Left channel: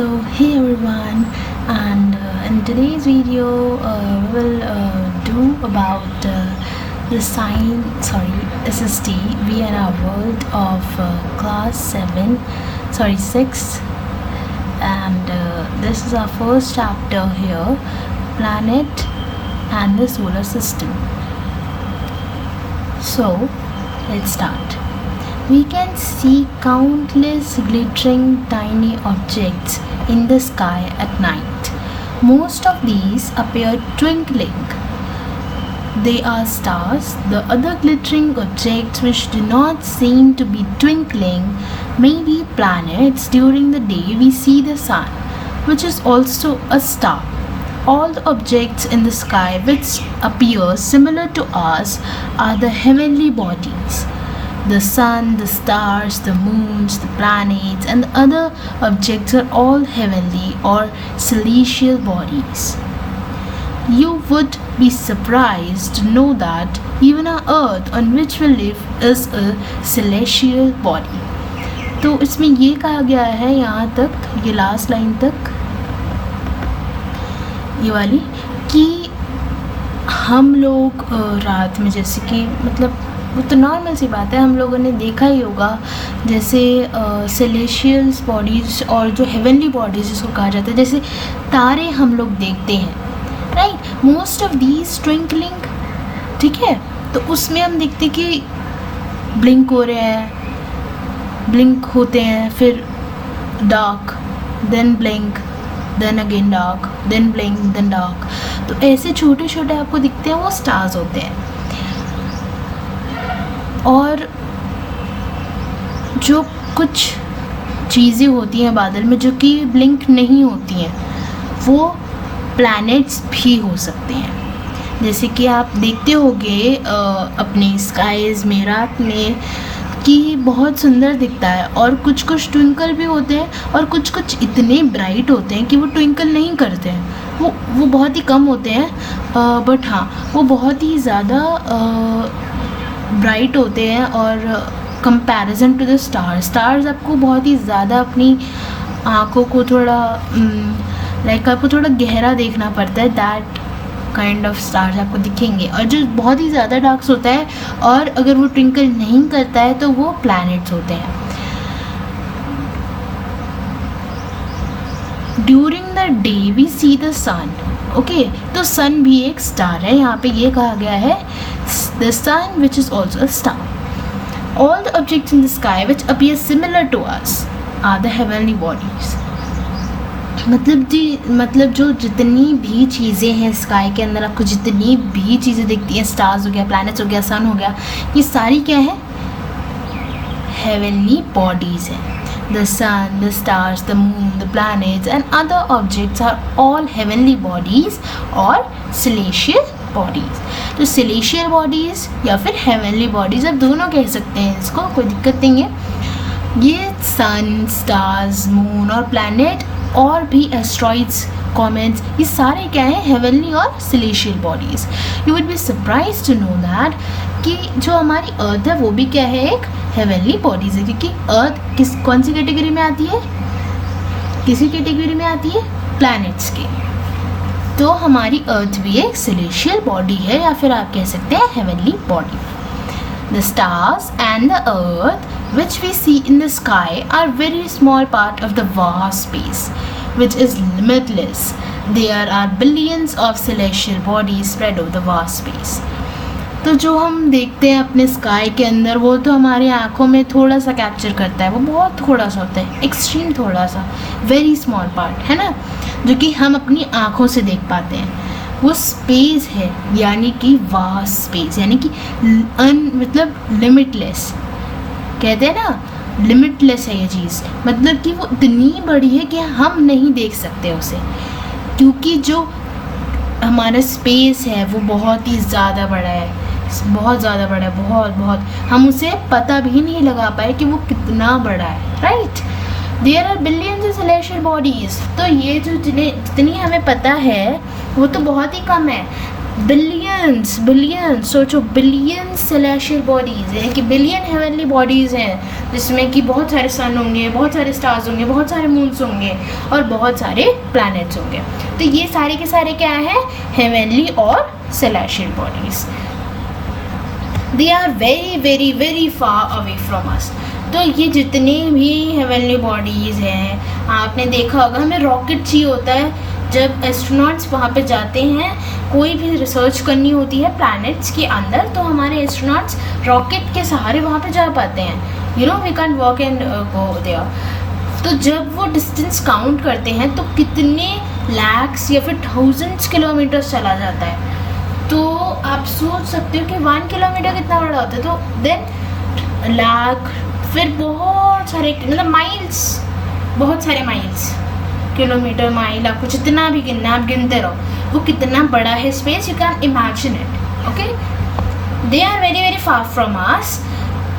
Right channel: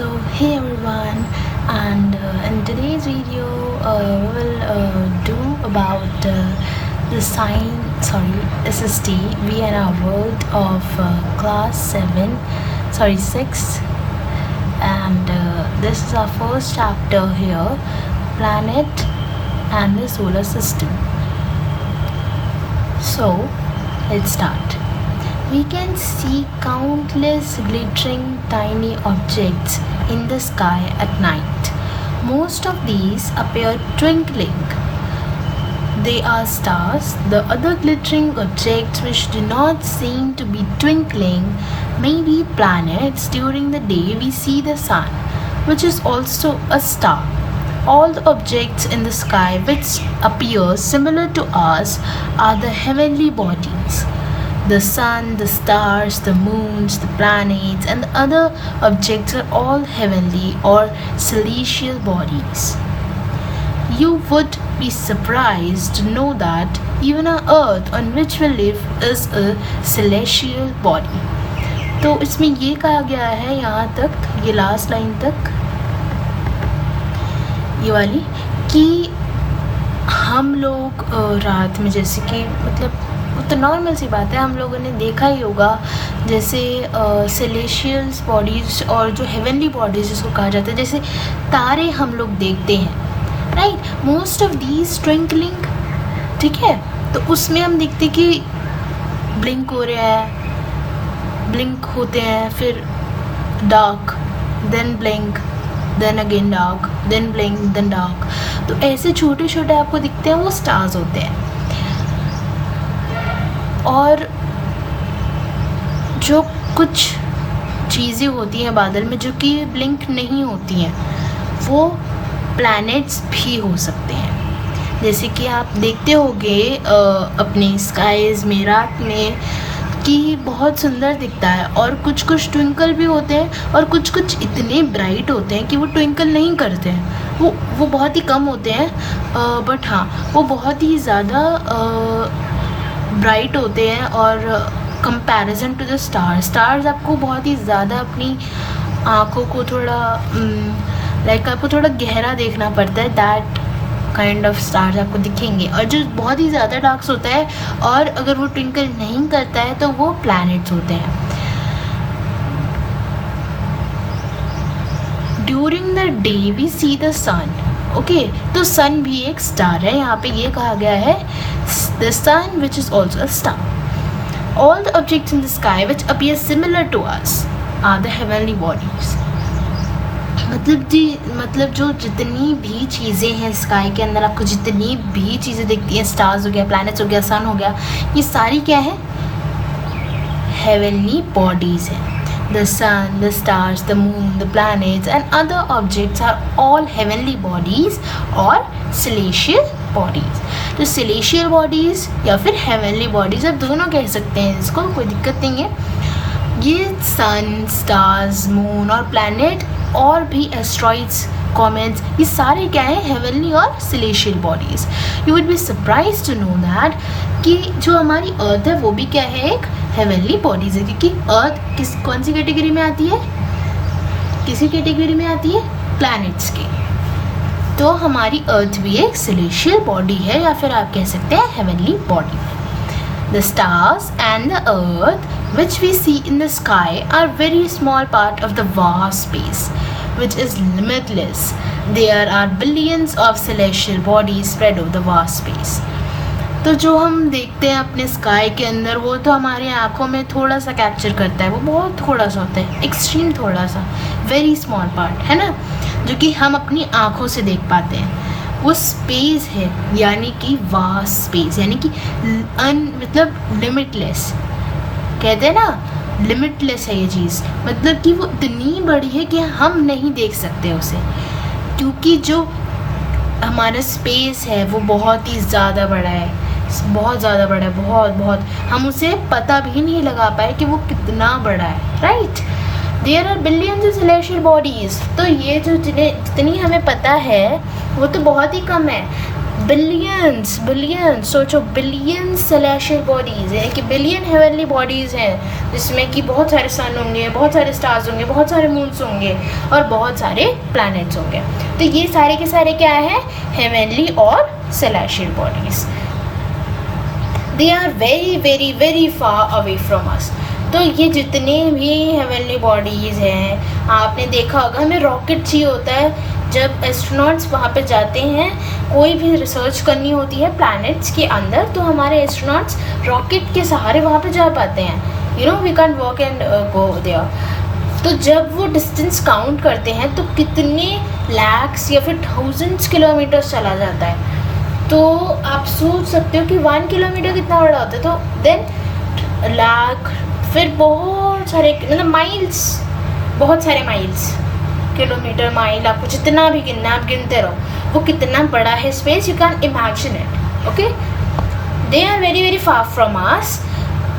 So hey everyone, and in today's video I will do about the SST. We are in our world of class 6, and this is our first chapter here, planet and the solar system. So let's start. We can see countless glittering tiny objects in the sky at night. Most of these appear twinkling. They are stars. The other glittering objects which do not seem to be twinkling may be planets. During the day we see the sun, which is also a star. All the objects in the sky which appear similar to us are the heavenly bodies. The sun, the stars, the moons, the planets, and the other objects are all heavenly or celestial bodies. You would be surprised to know that even our earth on which we live is a celestial body. तो इसमें ये कहा गया है यहाँ तक, ये last line तक, ये वाली, कि हम लोग रात में, जैसे कि मतलब वो तो नॉर्मल सी बात है, हम लोगों ने देखा ही होगा, जैसे सेलेशियल बॉडीज और जो हेवनली बॉडीज जिसको कहा जाता है, जैसे तारे हम लोग देखते हैं, right, most of these twinkling, ठीक है, तो उसमें हम देखते कि ब्लिंक हो रहे हैं, ब्लिंक होते हैं, फिर dark, then blink, then again dark, then blink, then dark, तो ऐसे छोटे छोटे आपको दिखते हैं, वो स्टार्स होते हैं. और जो कुछ चीज़ें होती हैं बादल में जो कि ब्लिंक नहीं होती हैं, वो प्लैनेट्स भी हो सकते हैं. जैसे कि आप देखते होंगे अपने स्काईज में रात में कि बहुत सुंदर दिखता है, और कुछ कुछ ट्विंकल भी होते हैं और कुछ कुछ इतने ब्राइट होते हैं कि वो ट्विंकल नहीं करते हैं. वो बहुत ही कम होते हैं, बट हाँ, वो बहुत ही ज़्यादा ब्राइट होते हैं. और कंपैरिजन टू द स्टार्स आपको बहुत ही ज़्यादा अपनी आँखों को थोड़ा आपको थोड़ा गहरा देखना पड़ता है. दैट काइंड ऑफ स्टार्स आपको दिखेंगे, और जो बहुत ही ज़्यादा डार्क होता है और अगर वो ट्विंकल नहीं करता है तो वो प्लैनेट्स होते हैं. During the day we see the sun. Okay, तो सन भी एक स्टार है. यहाँ पे ये कहा गया है the sun, which is also a star. All the objects in the sky which appear similar to us are the heavenly bodies. मतलब जो जितनी भी चीज़ें हैं स्काई के अंदर, आपको जितनी भी चीज़ें दिखती हैं, स्टार्स हो गया, प्लैनेट्स हो गया, सन हो गया, ये सारी क्या है? हेवनली बॉडीज है. The sun, the stars, the moon, the planets and other objects are all heavenly bodies or celestial bodies. तो celestial bodies या फिर heavenly bodies, आप दोनों कह सकते हैं इसको, कोई दिक्कत नहीं है. ये sun, stars, moon और planet और भी asteroids, comets, ये सारे क्या है? heavenly और celestial bodies. You would be surprised to know that कि जो हमारी अर्थ है वो भी क्या है? एक हेवनली बॉडीज है, क्योंकि अर्थ कौन सी कैटेगरी में आती है? किसी कैटेगरी में आती है? प्लैनेट्स की. तो हमारी अर्थ भी एक सेलेशियल बॉडी है, या फिर आप कह सकते हैं heavenly body. The stars and the earth which we see in the sky are very small part of the vast space which is limitless. There are billions of celestial bodies spread over the vast space. तो जो हम देखते हैं अपने sky के अंदर, वो तो हमारी आंखों में थोड़ा सा कैप्चर करता है, वो बहुत थोड़ा सा होता है, एक्सट्रीम थोड़ा सा, वेरी स्मॉल पार्ट है ना, जो कि हम अपनी आंखों से देख पाते हैं. वो स्पेस है, यानी कि वास्ट स्पेस, यानी कि मतलब लिमिटलेस, कहते हैं ना, लिमिटलेस है ये चीज़, मतलब कि वो इतनी बड़ी है कि हम नहीं देख सकते उसे, क्योंकि जो हमारा स्पेस है वो बहुत ही ज़्यादा बड़ा है, बहुत ज़्यादा बड़ा है, बहुत हम उसे पता भी नहीं लगा पाए कि वो कितना बड़ा है, right. There are billions of celestial bodies. तो ये जो जितनी हमें पता है वो तो बहुत ही कम है. बिलियंस, सोचो, बिलियन सेलेशियल बॉडीज है कि बिलियन हेवनली बॉडीज हैं, जिसमें कि बहुत सारे सन होंगे, बहुत सारे स्टार्स होंगे, बहुत सारे मून्स होंगे और बहुत सारे प्लैनेट्स होंगे। तो ये सारे के सारे क्या है, हेवनली और celestial bodies. They are very very very far away from us. तो ये जितने भी हेवनली बॉडीज हैं, आपने देखा होगा हमें रॉकेट चाहिए होता है जब एस्ट्रोनॉट्स वहाँ पे जाते हैं, कोई भी रिसर्च करनी होती है प्लैनेट्स के अंदर, तो हमारे एस्ट्रोनॉट्स रॉकेट के सहारे वहाँ पे जा पाते हैं। You know we can walk and go there. तो जब वो डिस्टेंस काउंट करते हैं तो कितने लैक्स या फिर थाउजेंड्स किलोमीटर चला जाता है। तो आप सोच सकते हो कि 1 किलोमीटर कितना बड़ा होता है। तो देन लाख, फिर बहुत सारे मतलब माइल्स, बहुत सारे माइल्स, किलोमीटर, माइल, आपको जितना भी गिनना आप गिनते रहो, वो कितना बड़ा है space, you can imagine it. Okay, they are very very far from us,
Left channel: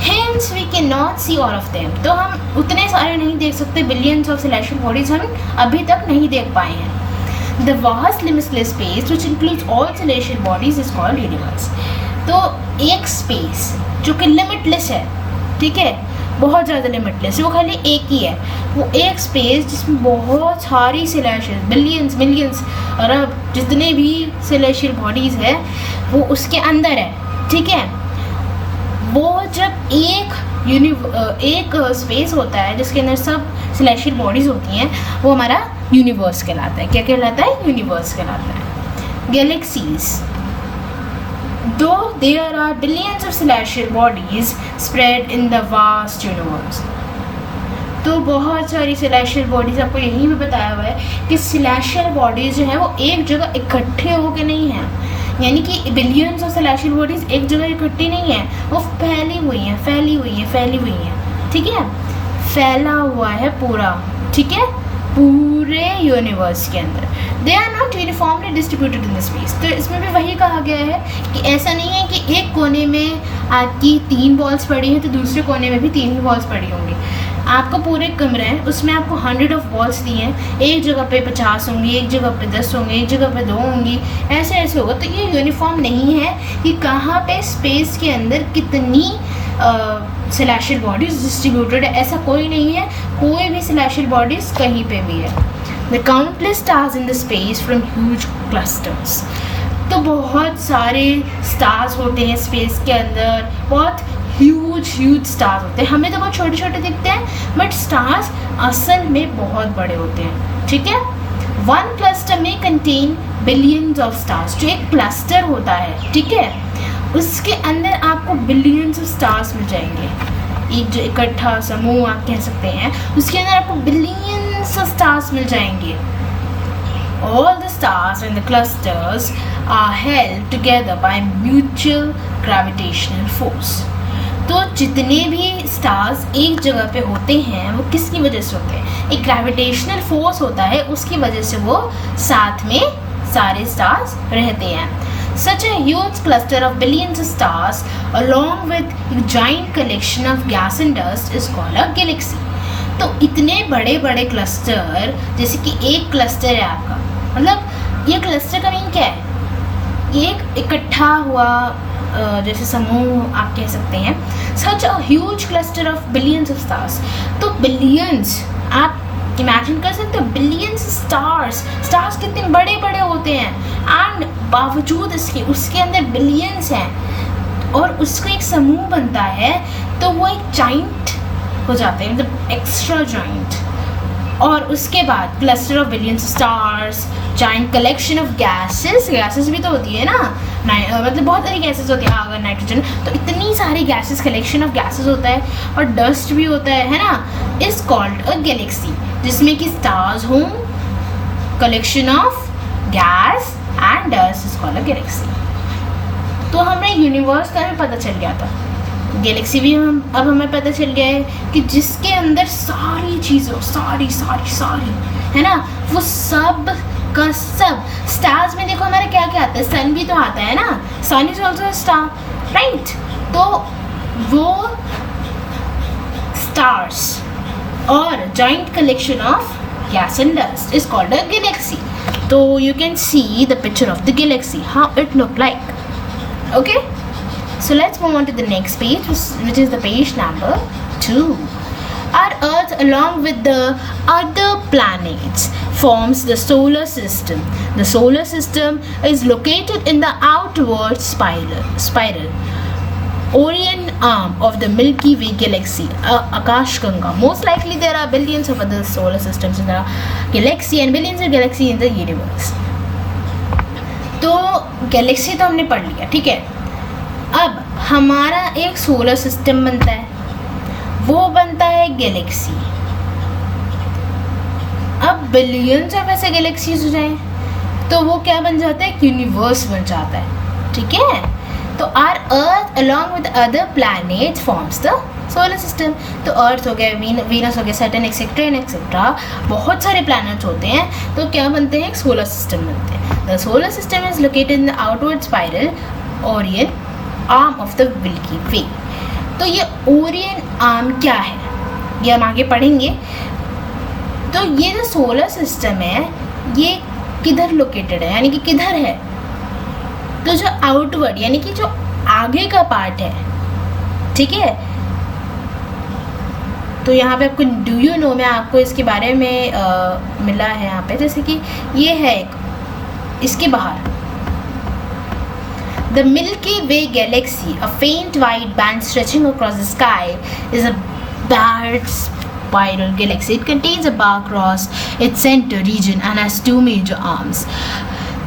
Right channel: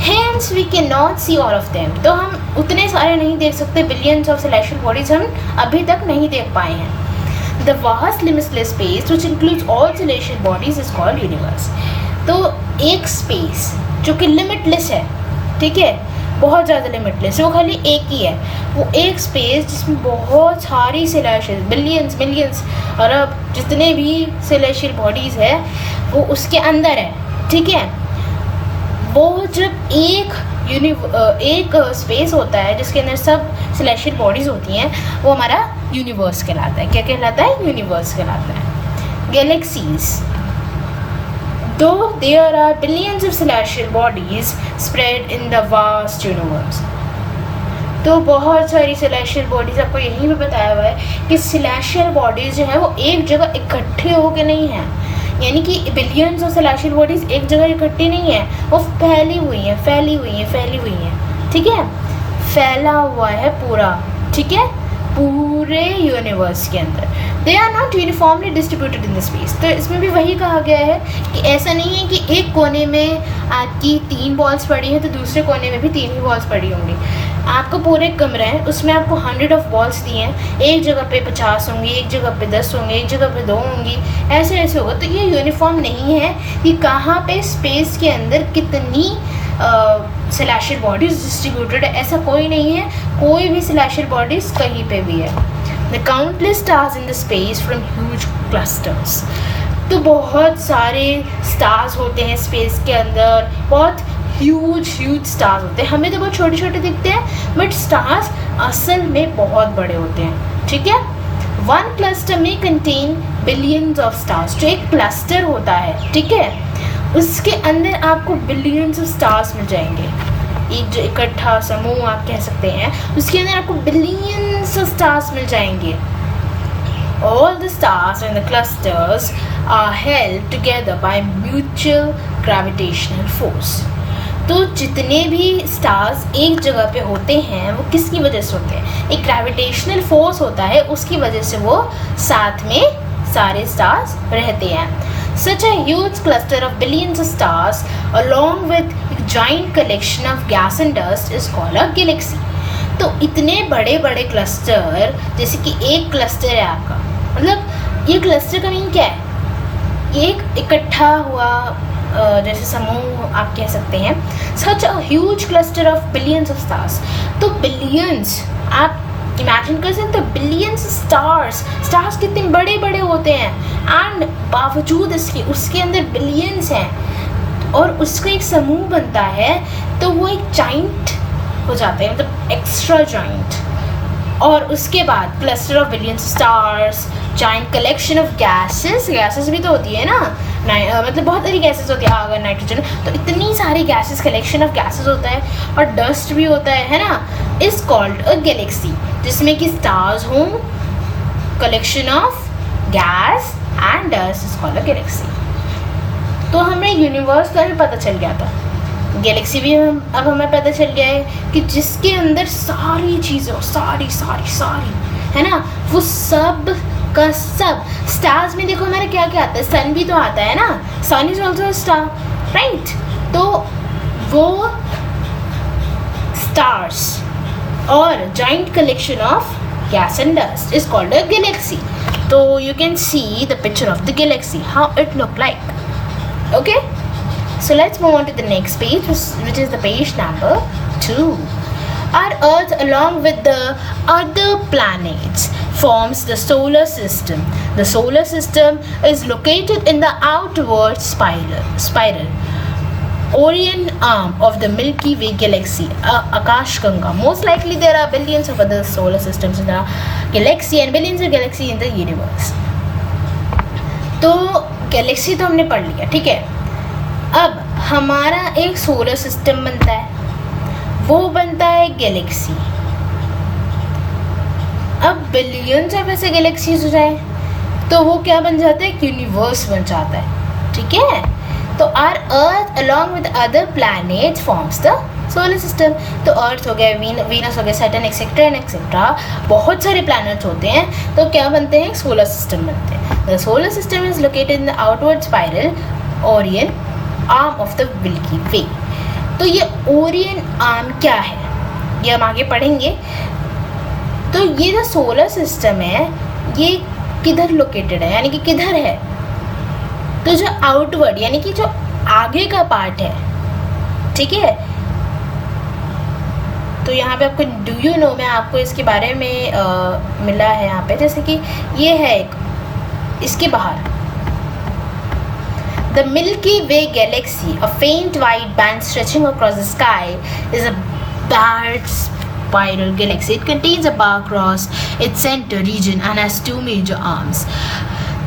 hence we can not see all of them. तो हम उतने सारे नहीं देख सकते, बिलियंस ऑफ सेलेस्टियल बॉडीज हम अभी तक नहीं देख पाए हैं। The vast limitless space which includes all celestial bodies is called universe. तो एक स्पेस जो कि लिमिटलेस है, ठीक है, बहुत ज़्यादा लिमिटलेस, वो खाली एक ही है, वो एक स्पेस जिसमें बहुत सारी सेलेस्टियल, बिलियंस मिलियंस और अब जितने भी सेलेस्टियल बॉडीज है वो उसके अंदर है, ठीक है। वो जब एक स्पेस होता है जिसके अंदर सब सेलेस्टियल बॉडीज होती हैं, वो हमारा यूनिवर्स कहलाता है। क्या कहलाता है? यूनिवर्स कहलाता है। Galaxies, though there are billions of celestial bodies spread in the vast universe। तो बहुत सारी सेलेस्टियल बॉडीज, आपको यही भी बताया हुआ है कि सेलेस्टियल बॉडीज जो है वो एक जगह इकट्ठे होके नहीं है, यानी कि बिलियंस ऑफ सेलेस्टियल बॉडीज एक जगह इकट्ठी नहीं है, वो फैली हुई है, फैली हुई है, फैली हुई है, ठीक है, फैला हुआ है पूरा, ठीक है, पूरे यूनिवर्स के अंदर। They are not uniformly distributed in space. तो इसमें भी वही कहा गया है कि ऐसा नहीं है कि एक कोने में आपकी 3 बॉल्स पड़ी हैं तो दूसरे कोने में भी 3 ही बॉल्स पड़ी होंगी। आपको पूरे कमरा है, उसमें आपको 100 ऑफ बॉल्स दी हैं, एक जगह पे 50 होंगी, एक जगह पे 10 होंगी, एक जगह पे 2 होंगी, ऐसे ऐसे होगा। तो ये यूनिफॉर्म नहीं है कि कहाँ पे स्पेस के अंदर कितनी सेलेस्टियल बॉडीज डिस्ट्रीब्यूटेड है, ऐसा कोई नहीं है, कोई भी सेलेस्टियल बॉडीज कहीं पे भी है। The countless stars in the space from huge clusters। तो बहुत सारे स्टार्स होते हैं स्पेस के अंदर, बहुत ह्यूज स्टार्स होते हैं। हमें तो बहुत छोटे छोटे दिखते हैं, बट स्टार्स असल में बहुत बड़े होते हैं, ठीक है। 1 क्लस्टर में कंटेन बिलियंस ऑफ स्टार्स। जो एक क्लस्टर होता है, ठीक है, उसके अंदर आपको बिलियंस ऑफ स्टार्स मिल जाएंगे। एक जो इकट्ठा समूह आप कह सकते हैं, उसके अंदर आपको बिलियंस ऑफ स्टार्स मिल जाएंगे। All the stars in the clusters are held together by mutual gravitational force। तो जितने भी स्टार्स एक जगह पे होते हैं वो किसकी वजह से होते हैं? एक ग्रेविटेशनल फोर्स होता है, उसकी वजह से वो साथ में सारे स्टार्स रहते हैं। Such a huge cluster of billions of stars along with giant collection of gas and dust is called a galaxy। तो इतने बड़े बड़े क्लस्टर, जैसे कि एक क्लस्टर है आपका, मतलब ये क्लस्टर का मीन क्या है? एक इकट्ठा हुआ जैसे समूह आप कह सकते हैं। Such a huge cluster of billions of stars। तो बिलियंस आप इमेजिन कर सकते हो, बिलियंस स्टार्स कितने बड़े बड़े होते हैं, एंड बावजूद इसके उसके अंदर बिलियंस हैं और उसका एक समूह बनता है, तो वो एक जाइंट हो जाता है, मतलब एक्स्ट्रा जाइंट। और उसके बाद cluster of billions stars, giant collection of gases भी तो होती है ना, मतलब बहुत सारी गैसेस होती है, आग, नाइट्रोजन, तो इतनी सारी गैसेस, कलेक्शन ऑफ गैसेस होता है और डस्ट भी होता है ना, इज कॉल्ड अ गैलेक्सी, जिसमें कि स्टार्स हों, collection of gas and dust is called a galaxy. तो हमें यूनिवर्स का भी पता चल गया था, गैलेक्सी भी अब हमें पता चल गया है कि जिसके अंदर सारी चीजें सारी है ना, वो सब का सब। स्टार्स में देखो हमारे क्या क्या आता है, सन भी तो आता है ना, sun is also star, right. तो वो स्टार्स और joint collection of gas and dust is called a galaxy. तो you can see the picture of the galaxy, how it look like. Okay, so let's move on to the next page, which is the page number too. Our Earth, along with the other planets, forms the solar system. The solar system is located in the outward spiral Orion arm of the Milky Way galaxy, Akashganga. Most likely there are billions of other solar systems in the galaxy and billions of galaxies in the universe. तो Galaxy तो हमने पढ़ लिया, ठीक है. अब हमारा एक सोलर सिस्टम बनता है, वो बनता है गैलेक्सी. अब बिलियंस ऑफ ऐसे गैलेक्सीज हो जाए तो वो क्या बन जाता है, यूनिवर्स बन जाता है, ठीक है. तो our earth along with other planets forms the solar system. तो अर्थ हो गया, वीनस हो गया, सैटर्न एक्सेट्रा एंड एक्सेट्रा, बहुत सारे प्लैनेट्स होते हैं, तो क्या बनते हैं, सोलर सिस्टम बनते हैं. The solar system is located in the outward spiral Orion arm of the Milky Way. तो ये ओरियन आर्म क्या है, ये हम आगे पढ़ेंगे. तो ये जो सोलर सिस्टम है ये किधर लोकेटेड है, यानी कि किधर है. तो जो आउटवर्ड यानी कि जो आगे का पार्ट है, ठीक है. तो यहाँ पे आपको डू यू नो में आपको इसके बारे में मिला है यहाँ पे, जैसे कि ये है एक, इसके बाहर The Milky Way galaxy, a faint white band stretching across the sky, is a dark spiral galaxy. It contains a bar across its center region and has two major arms.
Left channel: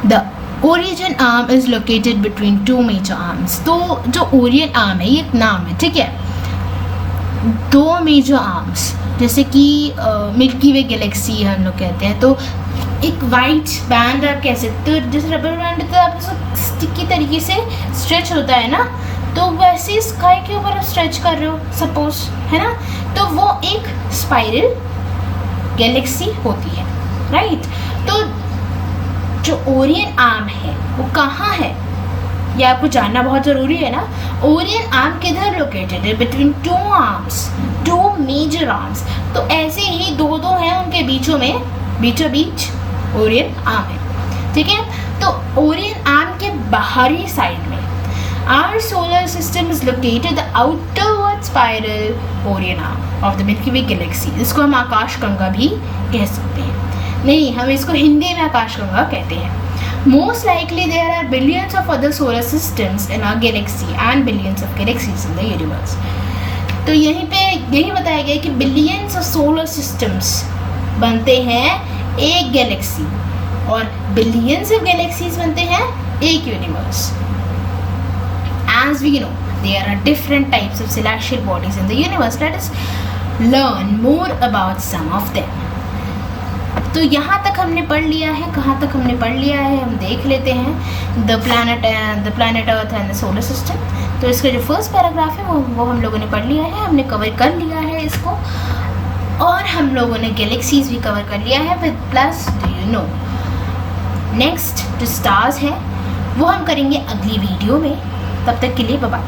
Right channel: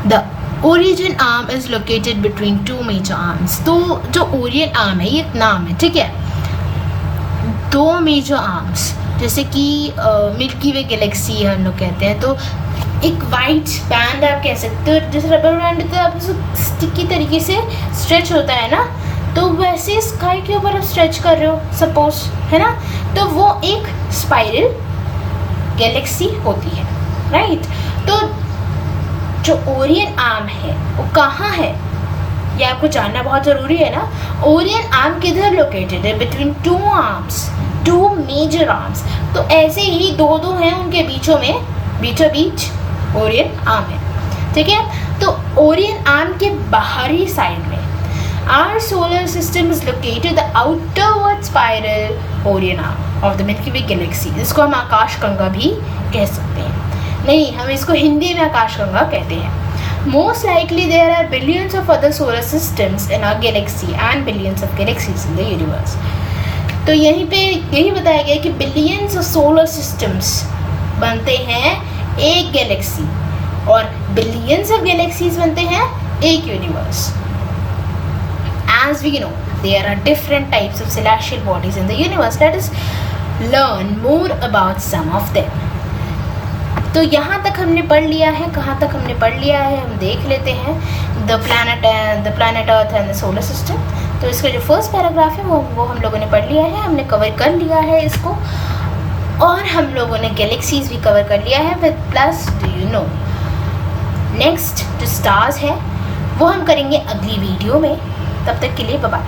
The Orion arm is located between two major arms. तो जो Orion arm है ये एक नाम है, ठीक है. दो मेजर आर्म्स, जैसे कि मिल्की वे गैलेक्सी हम लोग कहते हैं, तो एक वाइट बैंड आप कह सकते हो, जैसे रबर बैंड तो आप स्टिकी तरीके से स्ट्रेच होता है ना, तो वैसे स्काई के ऊपर आप स्ट्रेच कर रहे हो सपोज, है ना. तो वो एक स्पाइरल गैलेक्सी होती है, राइट. तो जो ओरियन आर्म है वो कहाँ है, ये आपको जानना बहुत जरूरी है ना. ओरियन आर्म किधर लोकेटेड है, between two arms, two major arms. तो ऐसे ही दो हैं उनके बीचों बीच ओरियन आर्म है, ठीक है. तो ओरियन आर्म के बाहरी साइड में our solar system is located the outerward spiral Orion arm of the Milky Way galaxy. इसको हम आकाशगंगा भी कह सकते हैं. नहीं, हम इसको हिंदी में आकाशगंगा कहते हैं. Most likely there are billions of other solar systems in our galaxy and billions of galaxies in the universe. तो यहीं पे यही बताया गया कि बिलियंस ऑफ सोलर सिस्टम्स बनते हैं एक गैलेक्सी और बिलियंस ऑफ गैलेक्सीज बनते हैं एक universe. As we know, there are different types of celestial bodies in the universe. Let us learn more about some of them. तो यहाँ तक हमने पढ़ लिया है, कहाँ तक हमने पढ़ लिया है हम देख लेते हैं. The planet earth and the solar system. तो इसका जो फर्स्ट पैराग्राफ है वो हम लोगों ने पढ़ लिया है, हमने कवर कर लिया है इसको. और हम लोगों ने गैलेक्सीज भी कवर कर लिया है with plus do you know. Next जो स्टार्स है वो हम करेंगे अगली वीडियो में. तब तक के लिए बाय बाय.